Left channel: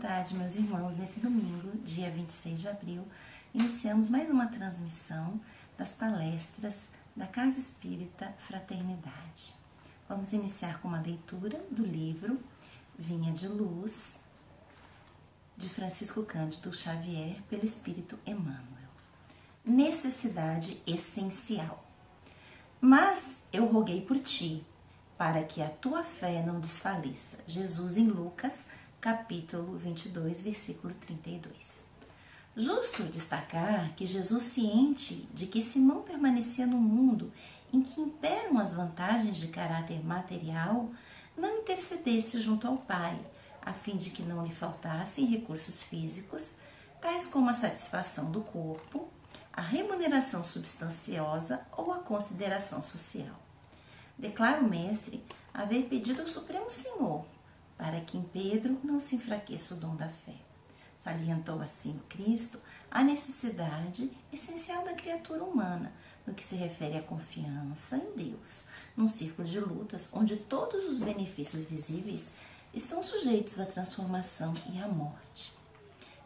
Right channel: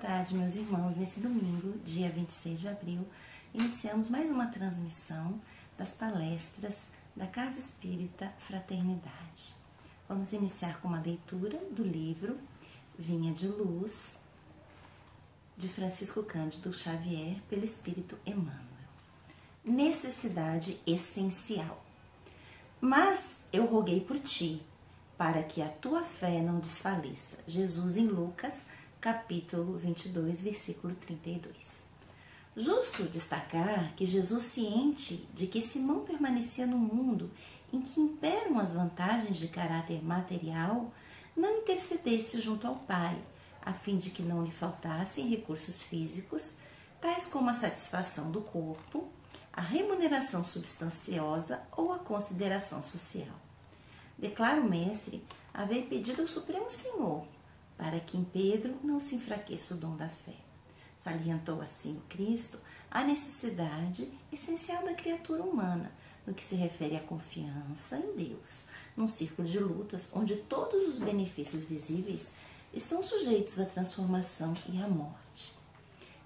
tarde, meus irmãos. Nesse domingo, dia 26 de abril, iniciamos mais uma transmissão das palestras da Casa Espírita Fraternidade. Vamos iniciar com uma leitura do livro Vinha de Luz, de Francisco Cândido Xavier, pelo Espírito Emmanuel. Necessidade essencial. Mas eu roguei por ti, para que a tua fé não desfaleça. Jesus em Lucas, capítulo 22, versículo 32. Justo destacar que Jesus, ciente de que Simão permanecia no mundo em que imperam as vantagens de caráter material, não intercedesse junto ao Pai, a fim de que não lhe faltassem recursos físicos, tais como a satisfação do corpo, a remuneração substanciosa ou a consideração social. Declara o mestre haver pedido ao Supremo Senhor para que em Pedro não se enfraqueça o dom da fé. Salientou assim o Cristo a necessidade essencial da criatura humana no que se refere à confiança em Deus, num círculo de lutas onde todos os benefícios visíveis estão sujeitos à transformação e à morte.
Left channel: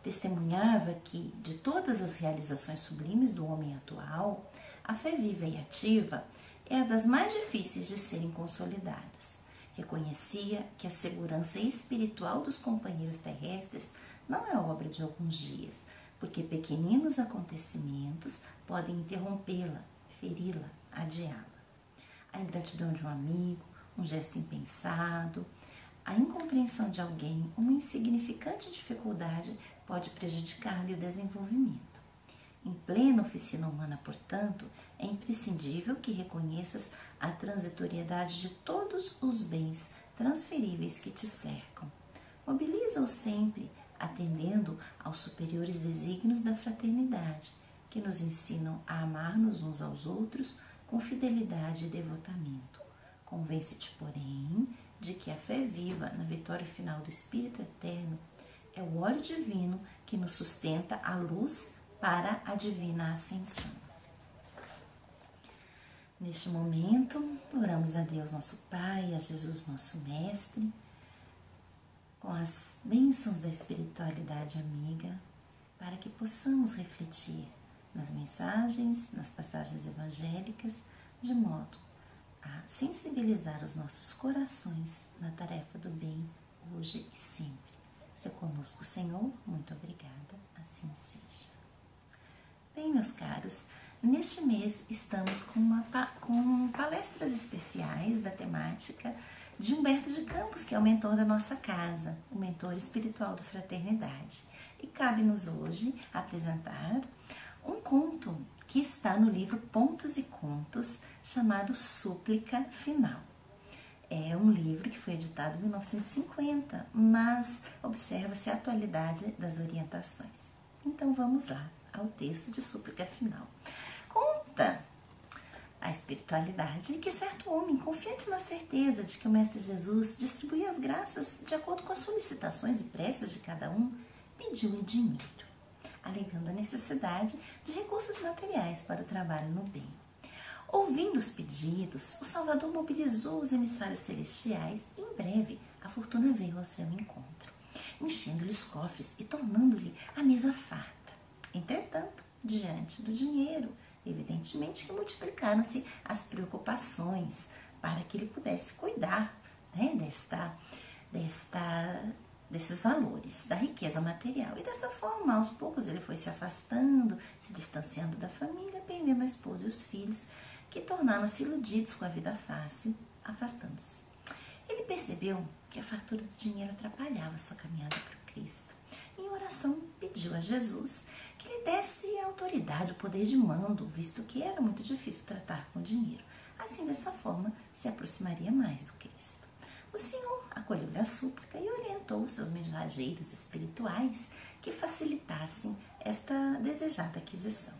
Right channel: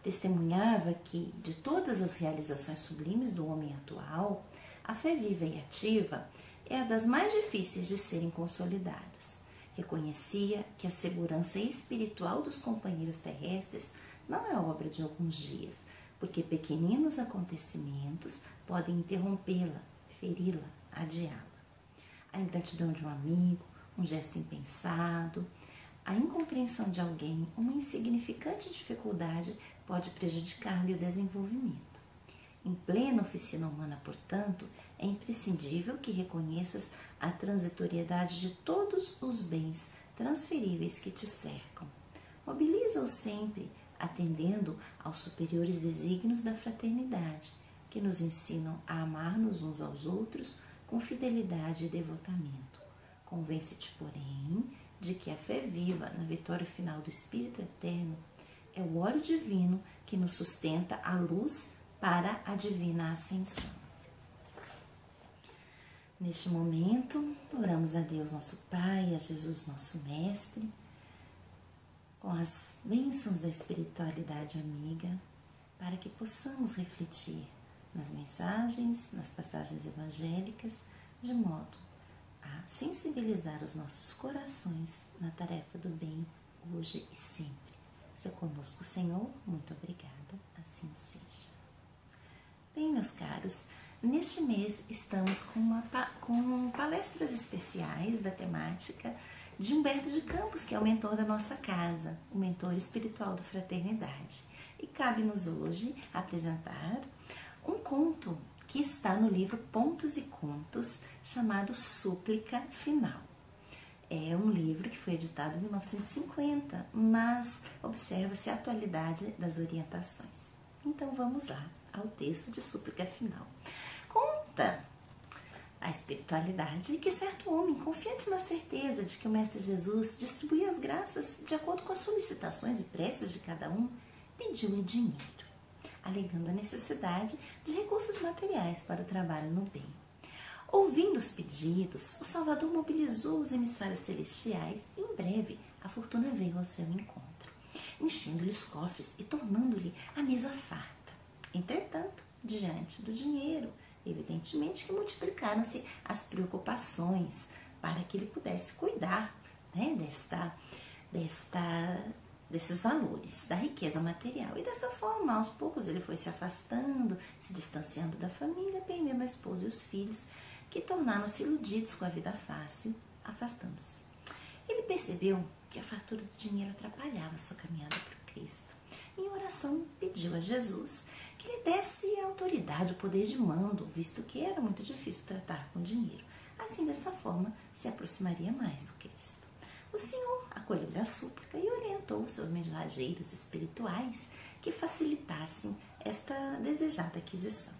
Testemunhava que, de todas as realizações sublimes do homem atual, a fé viva e ativa é a das mais difíceis de serem consolidadas. Reconhecia que a segurança espiritual dos companheiros terrestres não é obra de alguns dias, porque pequeninos acontecimentos podem interrompê-la, feri-la, adiá-la. A ingratidão de um amigo, um gesto impensado, a incompreensão de alguém, uma insignificante dificuldade pode prejudicar-lhe o desenvolvimento. Em plena oficina humana, portanto, é imprescindível que reconheças a transitoriedade de todos os bens transferíveis que te cercam. Mobiliza-os sempre, atendendo aos superiores desígnios da fraternidade, que nos ensinam a amar-nos uns aos outros com fidelidade e devotamento. Convence-te, porém, de que a fé viva na vitória final do Espírito Eterno é o óleo divino que nos sustenta a luz para a divina ascensão. Neste momento, oramos a Deus nosso Pai, a Jesus nosso Mestre, com as bênçãos da espiritualidade amiga, para que possamos refletir nas mensagens, nas passagens evangélicas, de modo a sensibilizar os nossos corações na tarefa do bem, hoje e sempre. Se conosco, Senhor, muito obrigada, assim seja. Bem, meus caros, neste mês estamos com palestras especiais da temática de Humberto de Campos, que é o mentor da nossa casa, o mentor espiritual da Fraternidade. E cabe-nos hoje apresentar um conto que está no livro Pontos e Contos, chamado Súplica Final. É um livro que foi editado em 1950, mas observa-se a atualidade das orientações. Então vamos lá ao texto de Súplica Final. Conta a espiritualidade que certo homem, confiante na certeza de que o Mestre Jesus distribuía as graças de acordo com as solicitações e preces de cada um, pediu-lhe dinheiro, alegando a necessidade de recursos materiais para o trabalho no bem. Ouvindo os pedidos, o Salvador mobilizou os emissários celestiais e, em breve, a fortuna veio ao seu encontro, enchendo-lhe os cofres e tornando-lhe a mesa farta. Entretanto, diante do dinheiro, evidentemente que multiplicaram-se as preocupações para que ele pudesse cuidar, né, desses valores, da riqueza material. E dessa forma, aos poucos, ele foi se afastando, se distanciando da família, perdendo a esposa e os filhos, que tornaram-se iludidos com a vida fácil, afastando-se. Ele percebeu que a fartura do dinheiro atrapalhava sua caminhada para o Cristo. Em oração, pediu a Jesus que lhe desse a autoridade, o poder de mando, visto que era muito difícil tratar com dinheiro. Assim, dessa forma, se aproximaria mais do Cristo. O Senhor acolheu-lhe a súplica e orientou seus mensageiros espirituais que facilitassem esta desejada aquisição.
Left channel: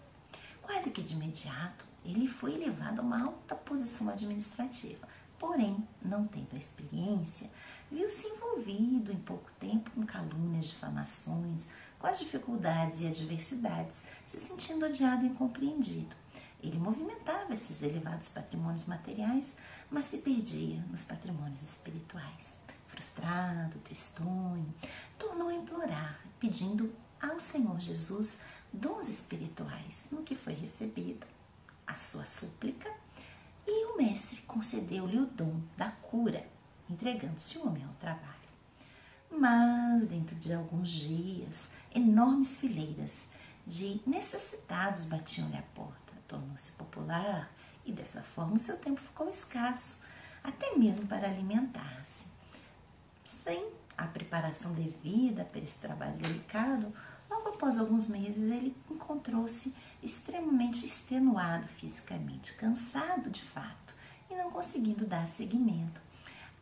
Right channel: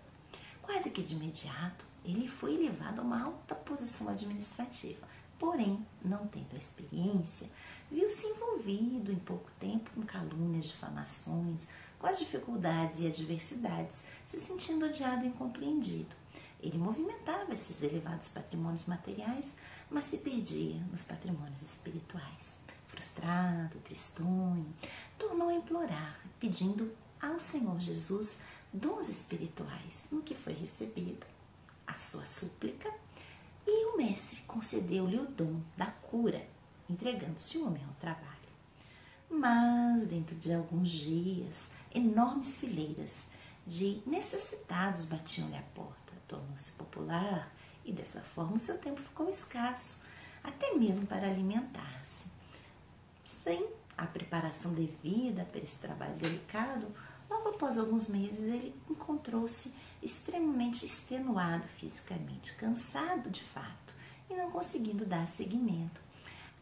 Quase que de imediato, ele foi levado a uma alta posição administrativa. Porém, não tendo a experiência, viu-se envolvido em pouco tempo com calúnias, difamações, com as dificuldades e adversidades, se sentindo odiado e incompreendido. Ele movimentava esses elevados patrimônios materiais, mas se perdia nos patrimônios espirituais. Frustrado, tristonho, tornou a implorar orar, pedindo ao Senhor Jesus dons espirituais, no que foi recebido a sua súplica, e o mestre concedeu-lhe o dom da cura, entregando-se o homem ao trabalho. Mas, dentro de alguns dias, enormes fileiras de necessitados batiam-lhe à porta. Tornou-se popular e, dessa forma, o seu tempo ficou escasso, até mesmo para alimentar-se. Sem a preparação devida para esse trabalho delicado, logo após alguns meses ele encontrou-se extremamente extenuado fisicamente, cansado de fato e não conseguindo dar seguimento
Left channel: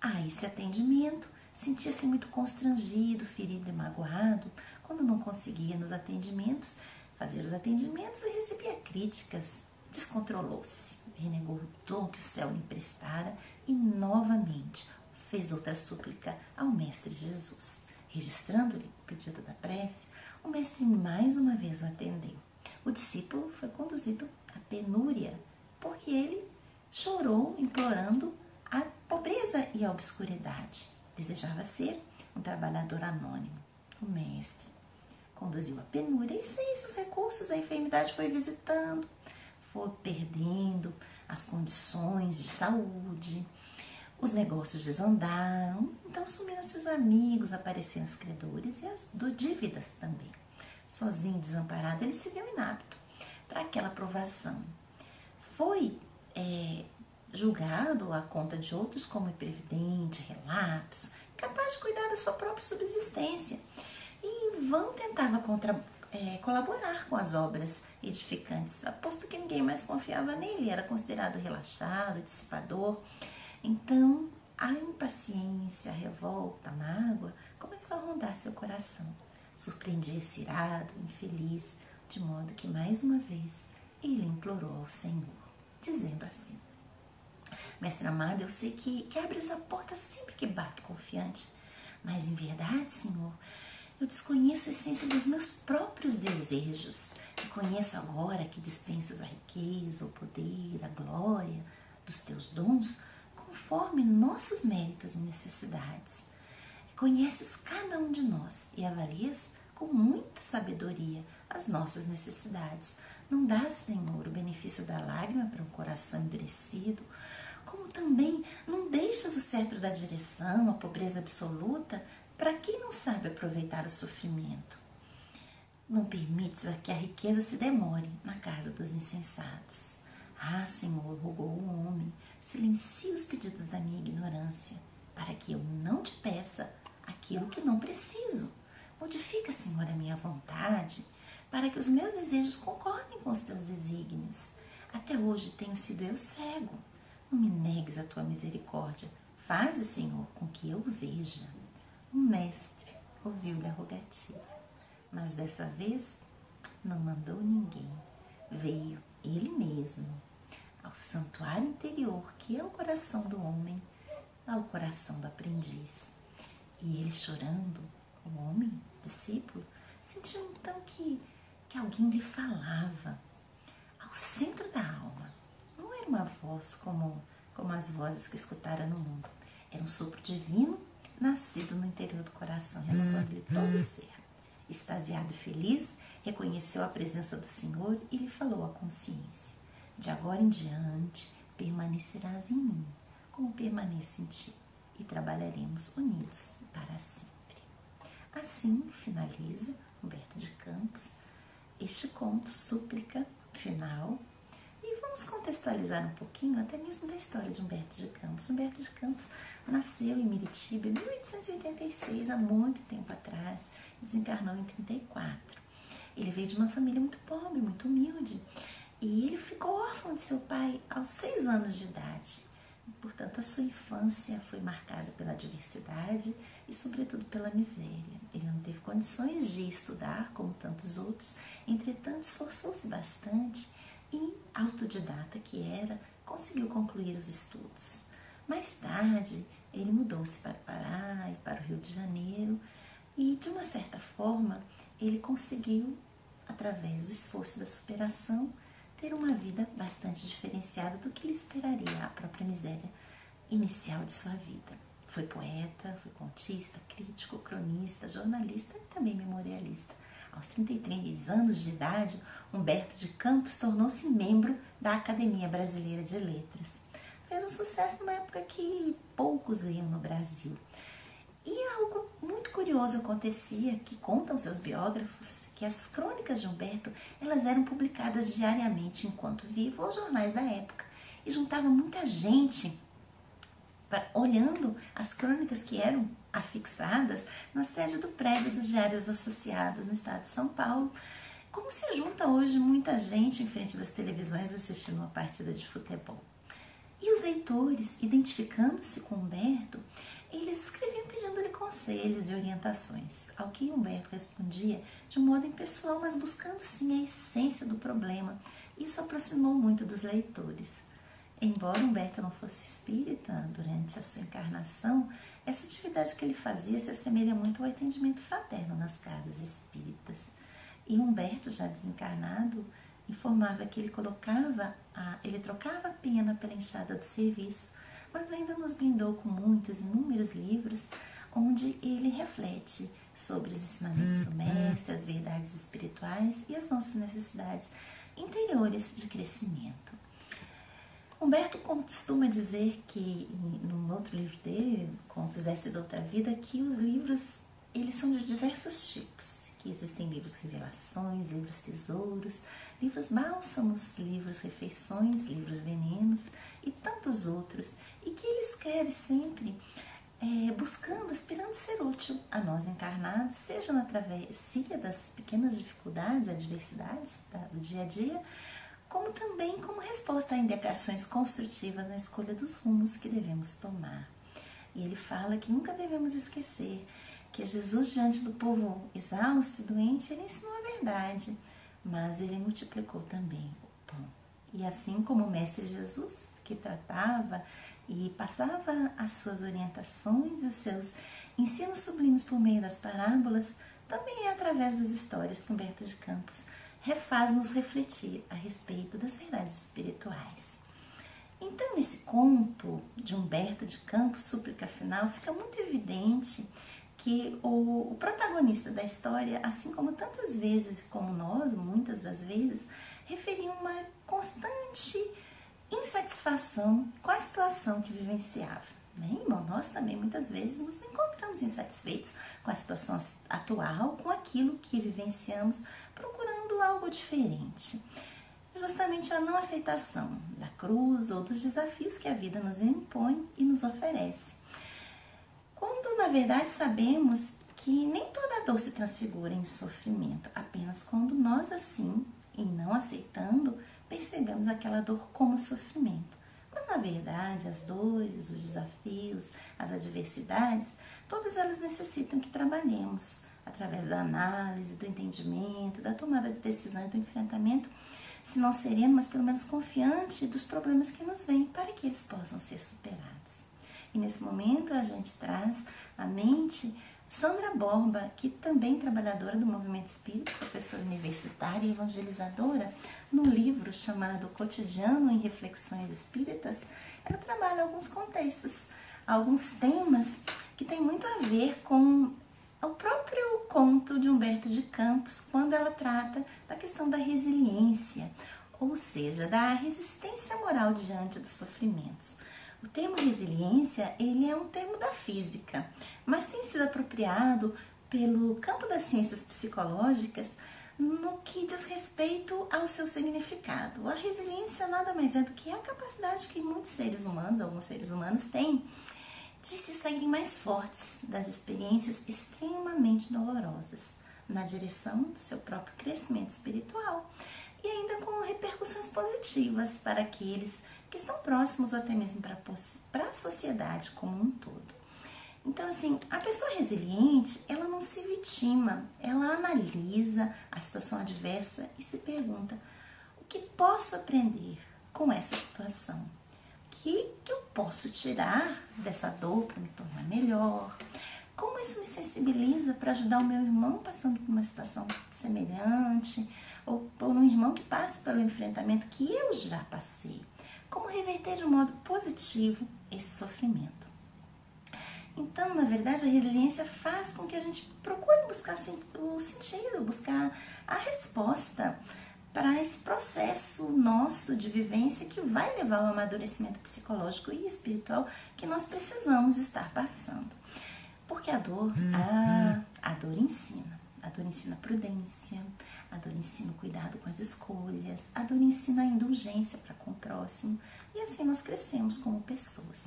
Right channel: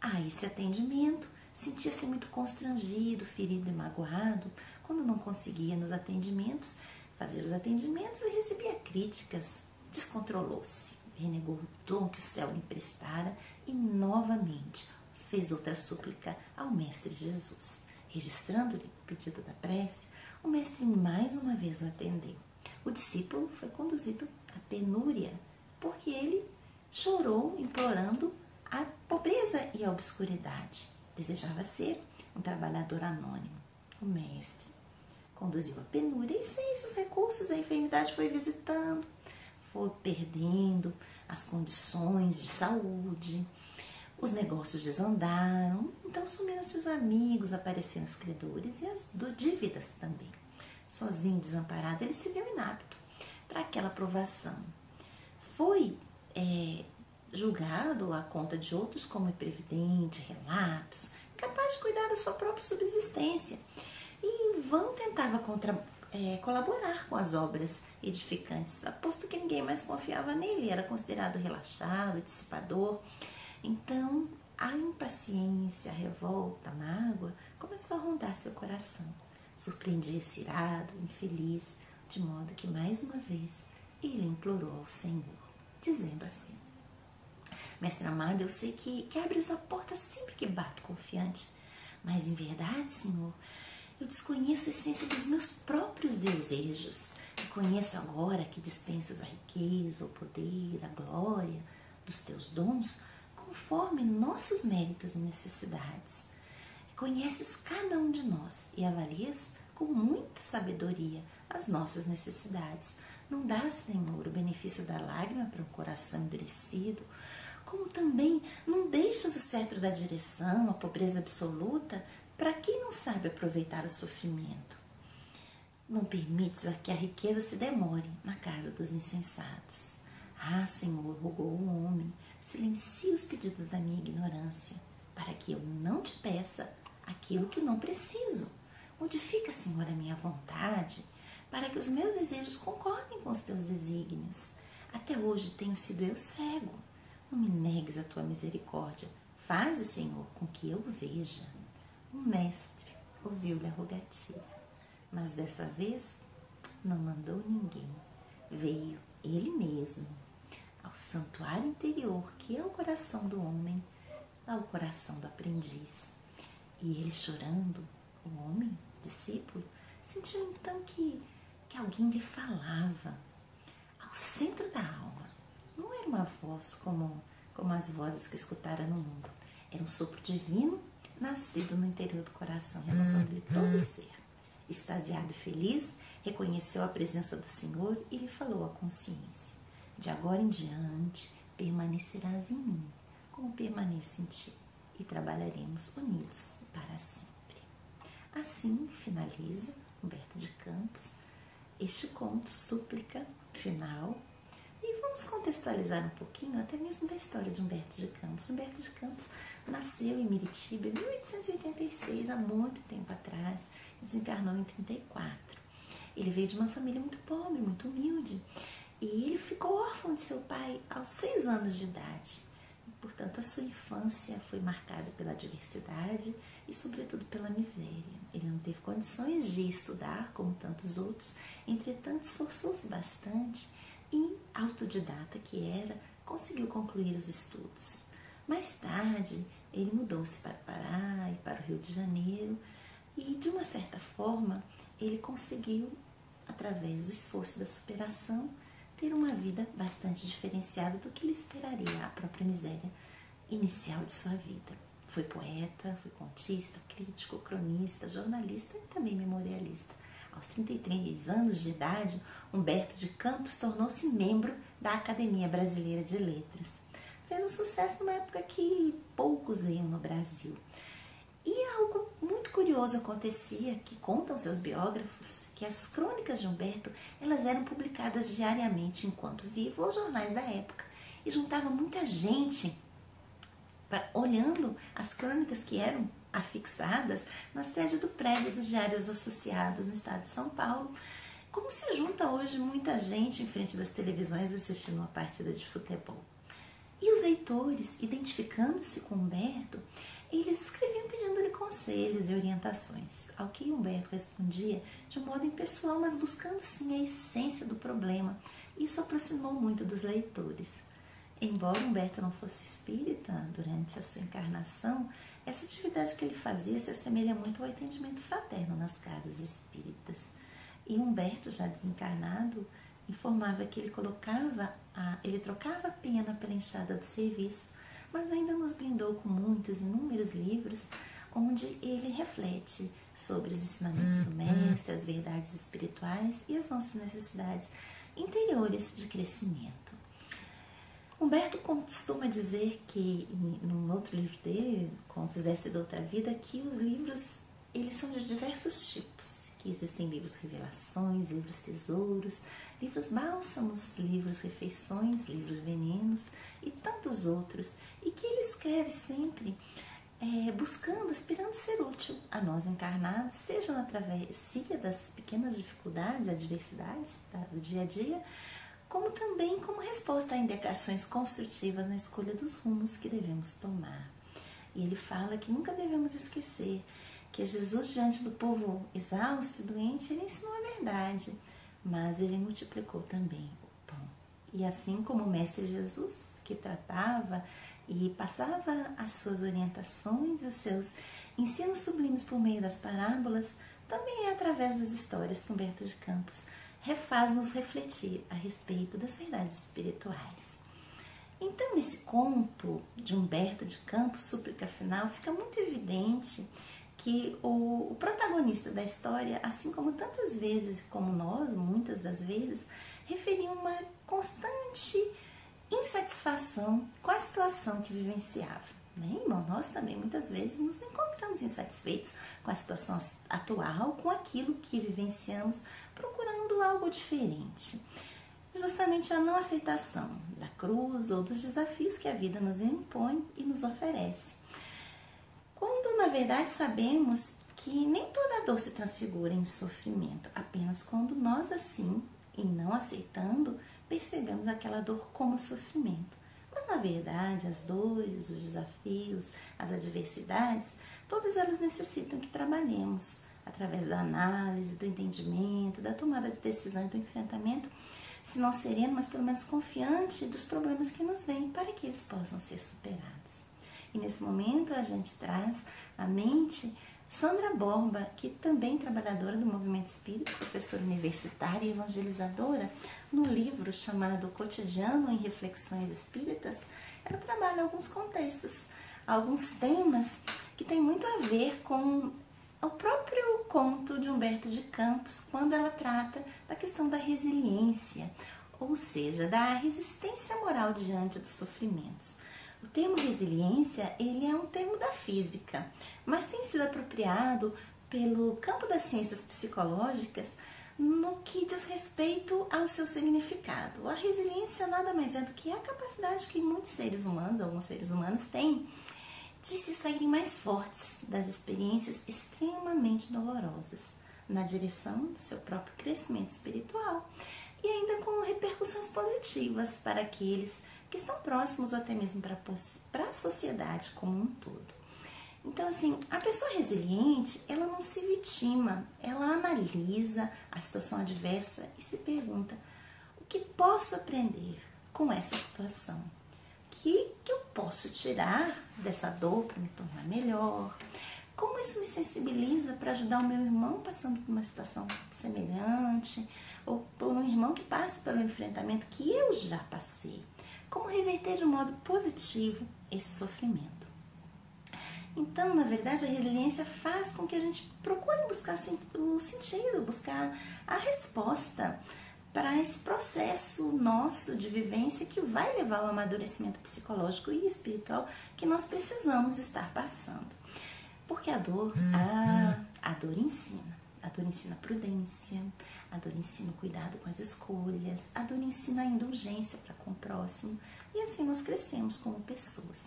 a esse atendimento. Sentia-se muito constrangido, ferido e magoado quando não conseguia fazer os atendimentos e recebia críticas. Descontrolou-se, renegou o dom que o céu lhe emprestara e novamente fez outra súplica ao Mestre Jesus. Registrando-lhe o pedido da prece, o Mestre mais uma vez o atendeu. O discípulo foi conduzido à penúria, porque ele chorou implorando a pobreza e a obscuridade. Desejava ser um trabalhador anônimo. O Mestre conduziu a penúria e, sem esses recursos, a enfermidade foi visitando, foi perdendo as condições de saúde, os negócios desandaram, então sumiram-se os amigos, apareceram os credores e as dívidas também. Sozinho, desamparado, ele se viu inapto para aquela provação. Foi julgado à conta de outros como imprevidente, relapso, incapaz de cuidar da sua própria subsistência. E em vão tentava colaborar com as obras edificantes, aposto que ninguém mais confiava nele, era considerado relaxado, dissipador. Então, a impaciência, a revolta, a mágoa começou a rondar seu coração. Surpreendia-se irado, infeliz, de modo que, mais uma vez, ele implorou ao Senhor, dizendo assim: Mestre amado, eu sei que abres a porta sempre que bato confiante, mas em verdade, Senhor, eu desconheço a essência dos meus próprios desejos. Reconheço agora que dispensas a riqueza, o poder, a glória dos teus dons, conforme nossos méritos e necessidades. Conheces cada um de nós e avalias com muita sabedoria as nossas necessidades. Não dás, Senhor, o benefício da lágrima para um coração endurecido, como também não deixas o cetro da direção, a pobreza absoluta, para quem não sabe aproveitar o sofrimento. Não permites que a riqueza se demore na casa dos insensatos. Ah, Senhor, rogou o homem, silencia os pedidos da minha ignorância, para que eu não te peça aquilo que não preciso. Modifica, Senhor, a minha vontade, para que os meus desejos concordem com os teus desígnios. Até hoje tenho sido eu cego. Não me negues a tua misericórdia. Faze, Senhor, com que eu veja. O mestre ouviu-lhe a rogativa, mas dessa vez não mandou ninguém. Veio ele mesmo ao santuário interior, que é o coração do homem, ao coração do aprendiz. E ele, chorando, o homem, discípulo, sentiu então que alguém lhe falava ao centro da alma. Não era uma voz como as vozes que escutara no mundo. Era um sopro divino nascido no interior do coração, renovando-lhe todo o ser. Extasiado e feliz, reconheceu a presença do Senhor e lhe falou à consciência: de agora em diante permanecerás em mim, como permaneço em ti, e trabalharemos unidos para sempre. Assim finaliza Humberto de Campos este conto, súplica final. E vamos contextualizar um pouquinho até mesmo da história de Humberto de Campos. Humberto de Campos nasceu em Miritiba em 1886, há muito tempo atrás, e desencarnou em 34. Ele veio de uma família muito pobre, muito humilde, e ele ficou órfão de seu pai aos 6 anos de idade. Portanto, a sua infância foi marcada pela adversidade e, sobretudo, pela miséria. Ele não teve condições de estudar como tantos outros, entretanto, esforçou-se bastante e, autodidata que era, conseguiu concluir os estudos. Mais tarde, ele mudou-se para o Pará e para o Rio de Janeiro e, de uma certa forma, ele conseguiu, através do esforço da superação, ter uma vida bastante diferenciada do que lhe esperaria a própria miséria inicial de sua vida. Foi poeta, foi contista, crítico, cronista, jornalista e também memorialista. Aos 33 anos de idade, Humberto de Campos tornou-se membro da Academia Brasileira de Letras. Fez um sucesso numa época que poucos liam no Brasil. E algo muito curioso acontecia, que contam seus biógrafos, que as crônicas de Humberto elas eram publicadas diariamente enquanto vivo aos jornais da época. E juntava muita gente olhando as crônicas que eram afixadas na sede do prédio dos Diários Associados no estado de São Paulo, como se junta hoje muita gente em frente das televisões assistindo uma partida de futebol. E os leitores, identificando-se com Humberto, eles escreviam pedindo-lhe conselhos e orientações, ao que Humberto respondia de um modo impessoal, mas buscando sim a essência do problema. Isso aproximou muito dos leitores. Embora Humberto não fosse espírita durante a sua encarnação, essa atividade que ele fazia se assemelha muito ao atendimento fraterno nas casas espíritas. E Humberto, já desencarnado, informava que ele trocava a pena pela enxada do serviço, mas ainda nos brindou com muitos, inúmeros livros onde ele reflete sobre os ensinamentos do mestre, as verdades espirituais e as nossas necessidades interiores de crescimento. Humberto costuma dizer que, num outro livro dele, Contos dessa e da Outra Vida, que os livros eles são de diversos tipos, que existem livros revelações, livros tesouros, livros bálsamos, livros refeições, livros venenos e tantos outros, e que ele escreve sempre buscando, aspirando ser útil a nós encarnados, seja na travessia das pequenas dificuldades, adversidades do dia a dia, como também como resposta a indicações construtivas na escolha dos rumos que devemos tomar. E ele fala que nunca devemos esquecer que Jesus, diante do povo exausto e doente, ele ensinou a verdade, mas ele multiplicou também o pão. E assim como o Mestre Jesus, que tratava e passava as suas orientações, os seus ensinos sublimes por meio das parábolas, também é através das histórias que Humberto de Campos refaz-nos refletir a respeito das verdades espirituais. Então, nesse conto de Humberto de Campos, Súplica Final, fica muito evidente que o protagonista da história, assim como tantas vezes, como nós, muitas das vezes, referia uma constante insatisfação com a situação que vivenciava. Bom, nós também muitas vezes nos encontramos insatisfeitos com a situação atual, com aquilo que vivenciamos, procurando algo diferente. Justamente a não aceitação da cruz ou dos desafios que a vida nos impõe e nos oferece. Quando, na verdade, sabemos que nem toda dor se transfigura em sofrimento, apenas quando nós, assim, e não aceitando, percebemos aquela dor como sofrimento. Mas, na verdade, as dores, os desafios, as adversidades, todas elas necessitam que trabalhemos através da análise, do entendimento, da tomada de decisão e do enfrentamento, se não sereno, mas pelo menos confiante dos problemas que nos vêm, para que eles possam ser superados. E nesse momento a gente traz à mente Sandra Borba, que também trabalhadora do movimento espírita, professora universitária e evangelizadora, no livro chamado Cotidiano em Reflexões Espíritas, ela trabalha alguns contextos, alguns temas que têm muito a ver com o próprio conto de Humberto de Campos, quando ela trata da questão da resiliência, ou seja, da resistência moral diante dos sofrimentos. O termo resiliência, ele é um termo da física, mas tem sido apropriado pelo campo das ciências psicológicas no que diz respeito ao seu significado. A resiliência nada mais é do que a capacidade que muitos seres humanos, alguns seres humanos têm, de se saírem mais fortes das experiências extremamente dolorosas, na direção do seu próprio crescimento espiritual e ainda com repercussões positivas para aqueles que estão próximos ou até mesmo para a sociedade como um todo. Então, assim, a pessoa resiliente, ela não se vitima, ela analisa a situação adversa e se pergunta: o que posso aprender com essa situação? O que eu posso tirar dessa dor para me tornar melhor? Como isso me sensibiliza para ajudar o meu irmão passando por uma situação semelhante? Ou por um irmão que passa pelo enfrentamento que eu já passei? Como reverter de um modo positivo esse sofrimento? Então, na verdade, a resiliência faz com que a gente procure buscar o sentido, buscar a resposta para esse processo nosso de vivência que vai levar ao amadurecimento psicológico e espiritual que nós precisamos estar passando. Porque a dor ensina. A dor ensina prudência, a dor ensina cuidado com as escolhas, a dor ensina a indulgência para com o próximo, e assim nós crescemos como pessoas.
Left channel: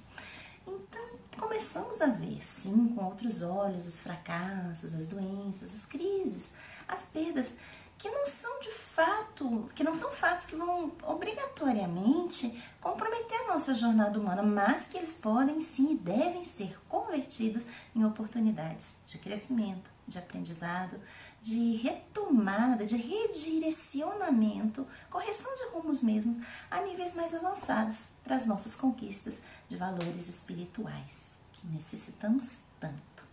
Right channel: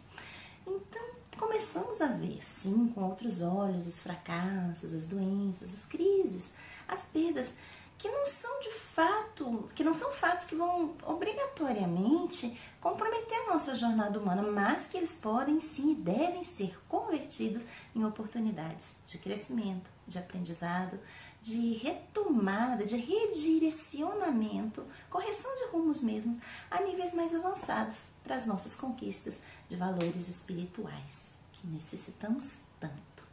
Então, começamos a ver, sim, com outros olhos, os fracassos, as doenças, as crises, as perdas, que não são fatos que vão obrigatoriamente comprometer a nossa jornada humana, mas que eles podem sim e devem ser convertidos em oportunidades de crescimento, de aprendizado, de retomada, de redirecionamento, correção de rumos mesmos a níveis mais avançados para as nossas conquistas de valores espirituais que necessitamos tanto.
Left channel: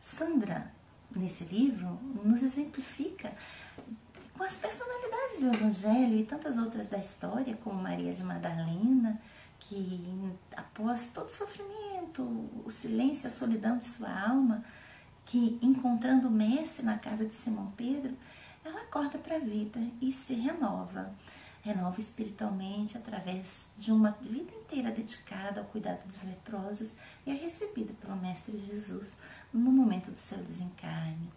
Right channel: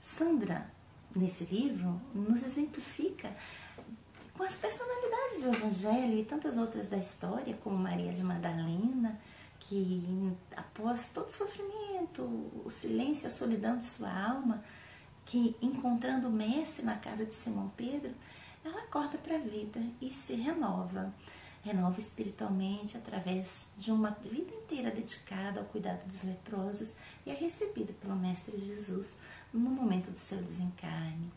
Sandra, nesse livro, nos exemplifica com as personalidades do Evangelho e tantas outras da história, como Maria de Madalena, que após todo o sofrimento, o silêncio, a solidão de sua alma, que encontrando o Mestre na casa de Simão Pedro, ela acorda para a vida e se renova espiritualmente através de uma vida inteira dedicada ao cuidado dos leprosos e é recebida pelo Mestre Jesus no momento do seu desencarne.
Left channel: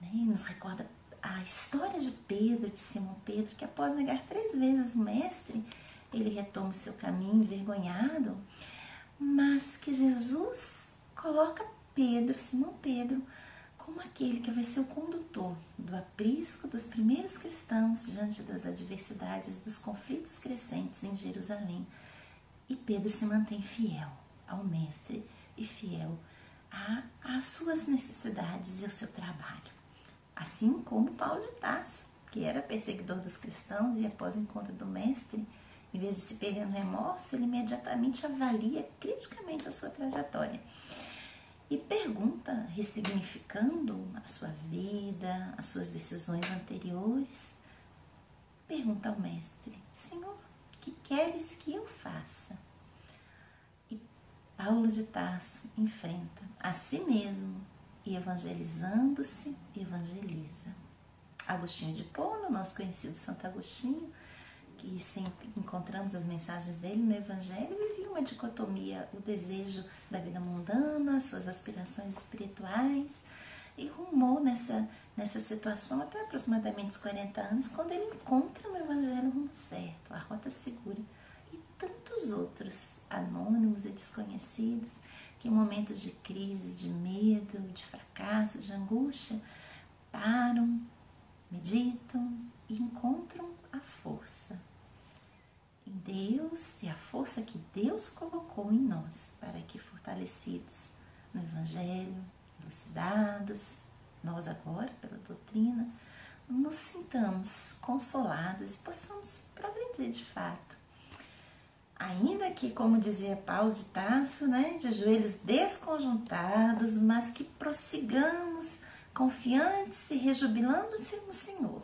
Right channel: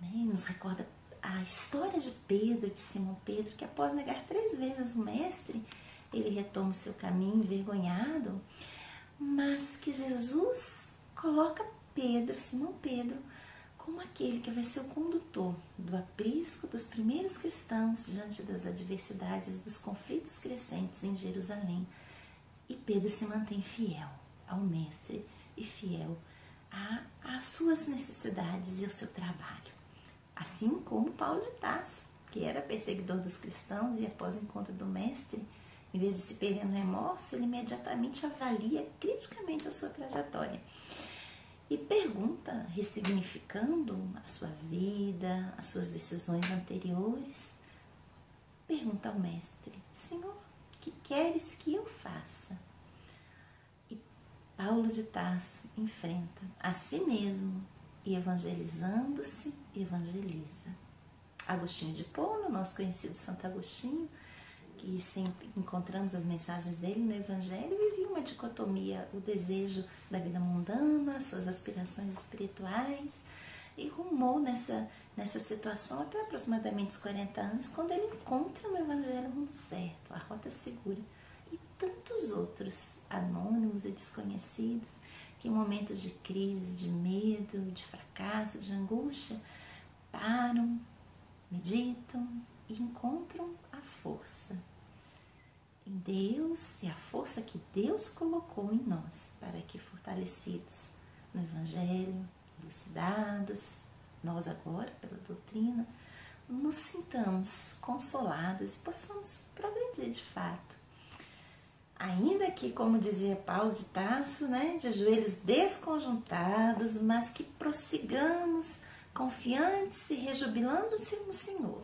E nos recorda a história de Pedro, de Simão Pedro, que após negar 3 vezes o Mestre, ele retoma o seu caminho envergonhado, mas que Jesus coloca Simão Pedro, como aquele que vai ser o condutor do aprisco dos primeiros cristãos diante das adversidades, dos conflitos crescentes em Jerusalém. E Pedro se mantém fiel ao Mestre e fiel às suas necessidades e ao seu trabalho. Assim como Paulo de Tarso, que era perseguidor dos cristãos e após o encontro do Mestre, em vez de se perder no remorso, ele imediatamente avalia criticamente a sua trajetória e pergunta, ressignificando a sua vida, as suas decisões anteriores, pergunta ao Mestre: Senhor, que queres que eu faça? E Paulo de Tarso enfrenta a si mesmo e evangelizando-se, evangeliza. Agostinho de Hipona, nosso conhecido Santo Agostinho, que sempre encontramos as mensagens dele no Evangelho, vivia uma dicotomia, o desejo da vida mundana, suas aspirações espirituais, e rumou nessa situação até aproximadamente os 40 anos, quando ele encontra no Evangelho o rumo certo, a rota segura, e tantos outros anônimos e desconhecidos que em momentos de crise, de medo, de fracasso, de angústia, param, meditam e encontram a força em Deus e a força que Deus colocou em nós para que, fortalecidos no Evangelho, elucidados, nós agora pela doutrina, nos sintamos consolados e possamos progredir de fato. Ainda que, como dizia Paulo de Tarso, de joelhos desconjuntados, mas que prossigamos confiantes e rejubilando-se no Senhor,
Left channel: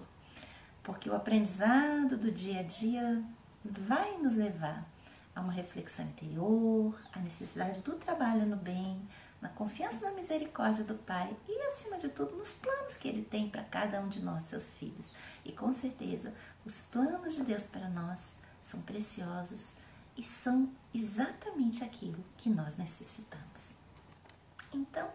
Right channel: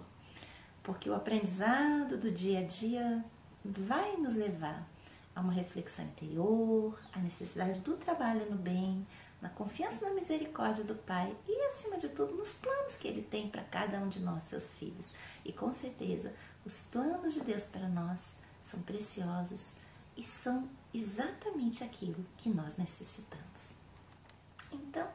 porque o aprendizado do dia a dia vai nos levar a uma reflexão interior, a necessidade do trabalho no bem, na confiança na misericórdia do Pai e, acima de tudo, nos planos que Ele tem para cada um de nós, seus filhos. E, com certeza, os planos de Deus para nós são preciosos e são exatamente aquilo que nós necessitamos. Então,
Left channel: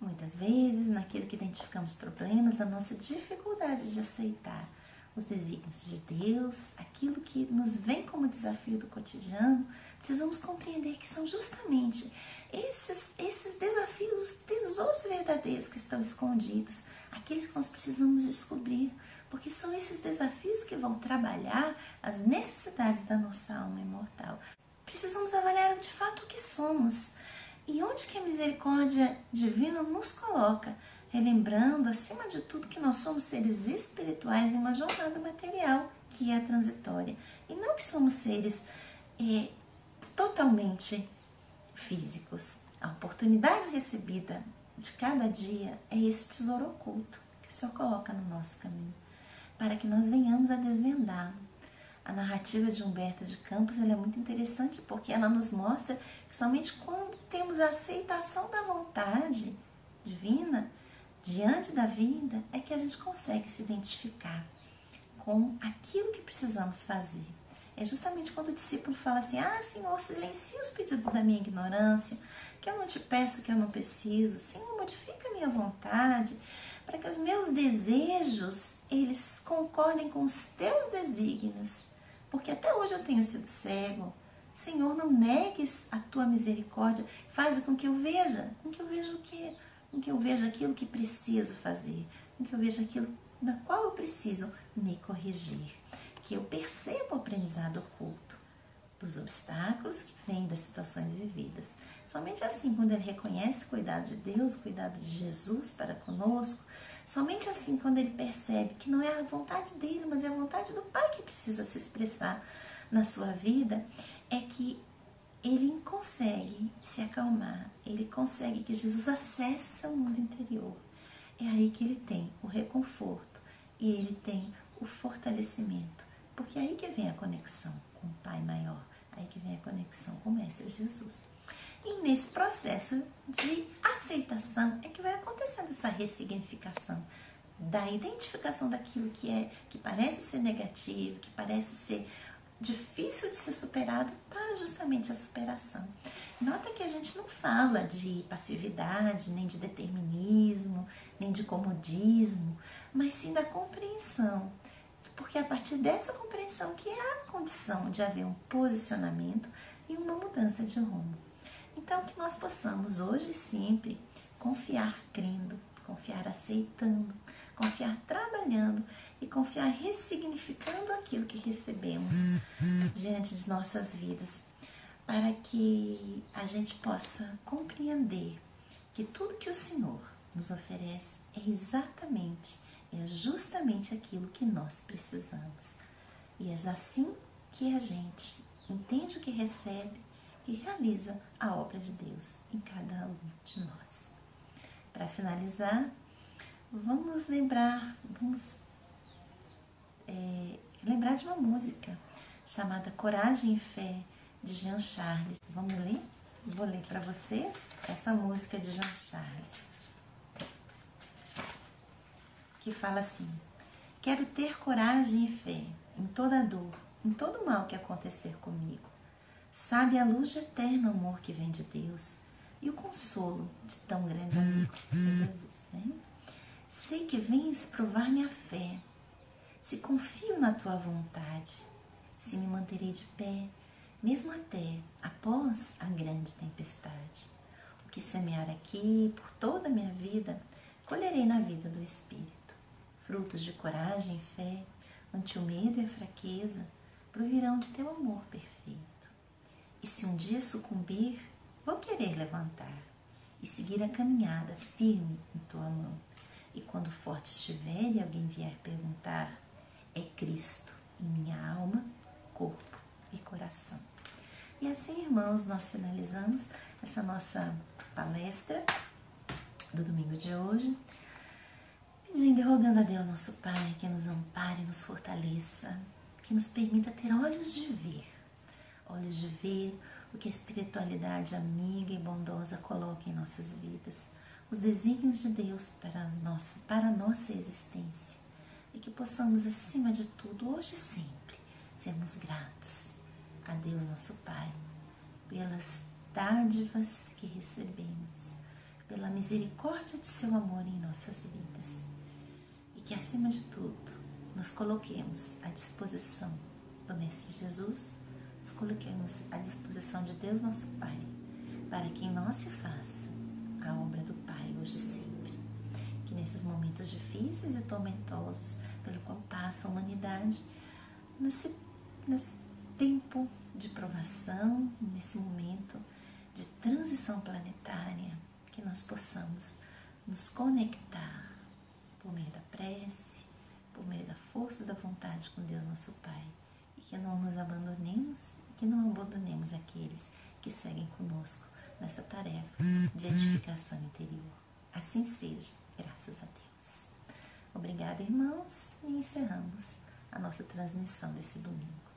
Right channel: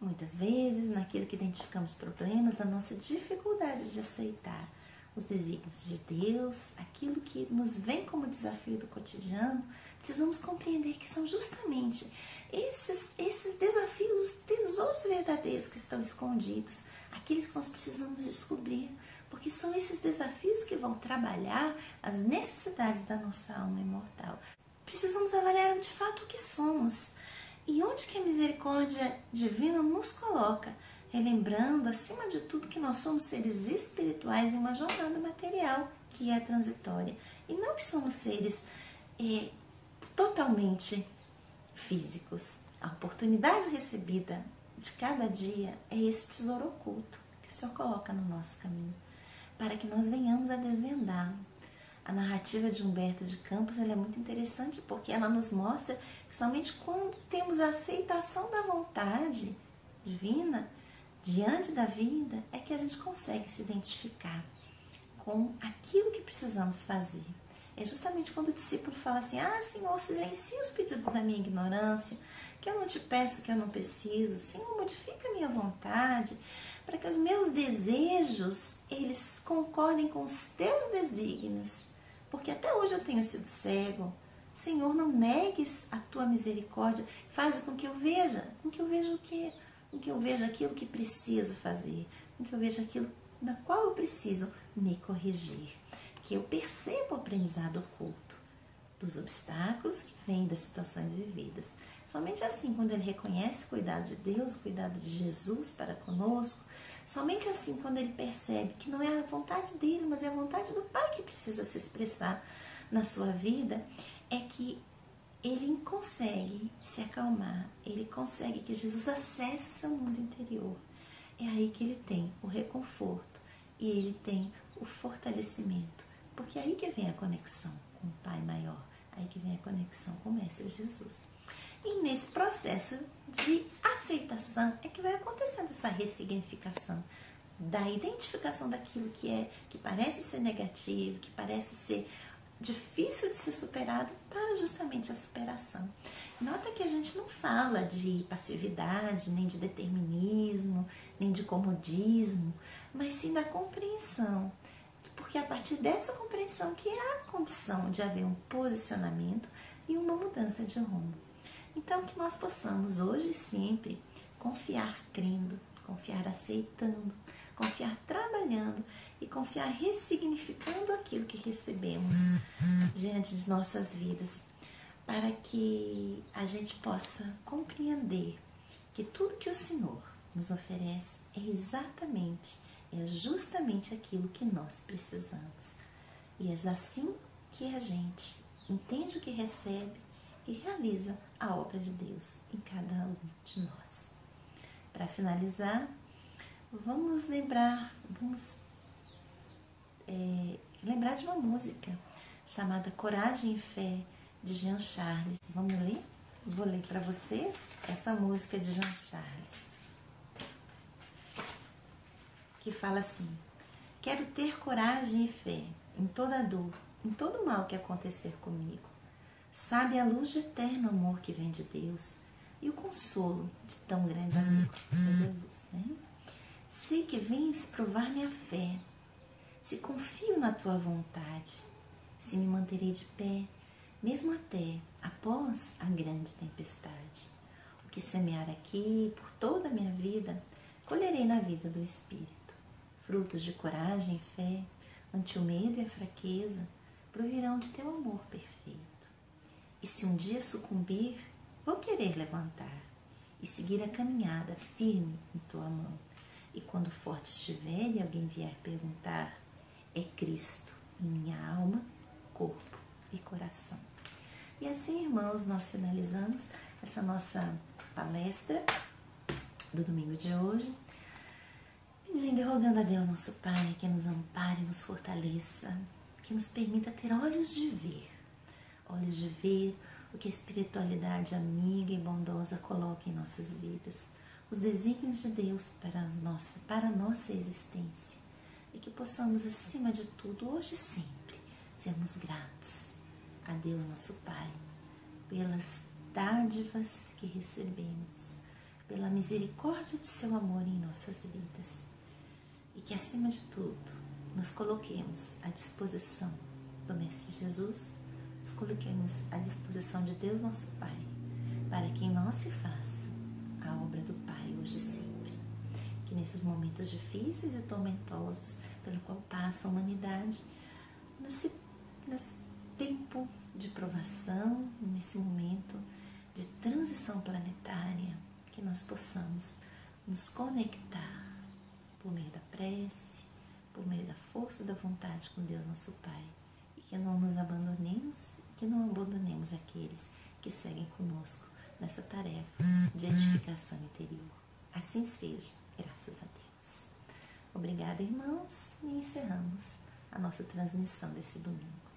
muitas vezes, naquilo que identificamos problemas, da nossa dificuldade de aceitar os desígnios de Deus, aquilo que nos vem como desafio do cotidiano, precisamos compreender que são justamente esses desafios, os tesouros verdadeiros que estão escondidos, aqueles que nós precisamos descobrir, porque são esses desafios que vão trabalhar as necessidades da nossa alma imortal. Precisamos avaliar de fato o que somos e onde que a misericórdia divina nos coloca, relembrando, acima de tudo, que nós somos seres espirituais em uma jornada material, que é transitória, e não que somos seres totalmente físicos. A oportunidade recebida de cada dia é esse tesouro oculto que o Senhor coloca no nosso caminho, para que nós venhamos a desvendá-lo, A narrativa de Humberto de Campos ela é muito interessante porque ela nos mostra que somente quando temos a aceitação da vontade divina diante da vida é que a gente consegue se identificar com aquilo que precisamos fazer. É justamente quando o discípulo fala assim: ah, Senhor, silencia os pedidos da minha ignorância, que eu não te peço que eu não preciso. Senhor, modifica a minha vontade, para que os meus desejos, eles concordem com os teus desígnios. Porque até hoje eu tenho sido cego. Senhor, não negues a tua misericórdia, faz com que eu veja. Com que eu veja o quê? Com que eu veja aquilo que preciso fazer. Com que eu veja aquilo na qual eu preciso me corrigir. Que eu perceba o aprendizado oculto dos obstáculos que vêm das situações vividas. Somente assim, quando ele reconhece o cuidado de Deus, o cuidado de Jesus para conosco, somente assim, quando ele percebe que não é a vontade dele, mas é a vontade do Pai que precisa se expressar na sua vida, é que ele consegue se acalmar, ele consegue que Jesus acesse o seu mundo interior. É aí que ele tem o reconforto e ele tem o fortalecimento, porque é aí que vem a conexão com o Pai maior, aí que vem a conexão com o Mestre Jesus. E nesse processo de aceitação é que vai acontecendo essa ressignificação, da identificação daquilo que parece ser negativo, que parece ser difícil de ser superado, para justamente a superação. Nota que a gente não fala de passividade, nem de determinismo, nem de comodismo, mas sim da compreensão, porque é a partir dessa compreensão que é a condição de haver um posicionamento e uma mudança de rumo. Então, que nós possamos hoje e sempre confiar crendo, confiar aceitando, confiar trabalhando e confiar ressignificando aquilo que recebemos diante de nossas vidas, para que a gente possa compreender que tudo que o Senhor nos oferece é justamente aquilo que nós precisamos. E é assim que a gente entende o que recebe e realiza a obra de Deus em cada um de nós. Para finalizar, vamos lembrar de uma música chamada Coragem e Fé, de Jean Charles. Vamos ler? Vou ler para vocês essa música de Jean Charles, que fala assim: quero ter coragem e fé em toda dor, em todo mal que acontecer comigo. Sabe a luz de eterno amor que vem de Deus e o consolo de tão grande amigo, que é Jesus, né? Sei que vens provar minha fé, se confio na tua vontade, se me manterei de pé, mesmo até após a grande tempestade. O que semear aqui por toda a minha vida, colherei na vida do Espírito. Frutos de coragem e fé, ante o medo e a fraqueza, provirão de teu amor perfeito. E se um dia sucumbir, vou querer levantar e seguir a caminhada firme em tua mão. E quando forte estiver e alguém vier perguntar, é Cristo em minha alma, corpo e coração. E assim, irmãos, nós finalizamos essa nossa palestra do domingo de hoje, pedindo e rogando a Deus, nosso Pai, que nos ampare, nos fortaleça, que nos permita ter olhos de ver o que a espiritualidade amiga e bondosa coloca em nossas vidas, os desígnios de Deus para a nossa existência, e que possamos, acima de tudo, hoje e sempre, sermos gratos a Deus, nosso Pai, pelas dádivas que recebemos, pela misericórdia de seu amor em nossas vidas, e que, acima de tudo, nos coloquemos à disposição do Mestre Jesus, nos coloquemos à disposição de Deus, nosso Pai, para que em nós se faça a obra do Pai hoje e sempre. Que nesses momentos difíceis e tormentosos pelo qual passa a humanidade, nesse tempo de provação, nesse momento de transição planetária, que nós possamos nos conectar por meio da prece, por meio da força da vontade com Deus, nosso Pai, e que não nos abandonemos, que não abandonemos aqueles que seguem conosco nessa tarefa de edificação interior. Assim seja, graças a Deus. Obrigada, irmãos, e encerramos a nossa transmissão desse domingo.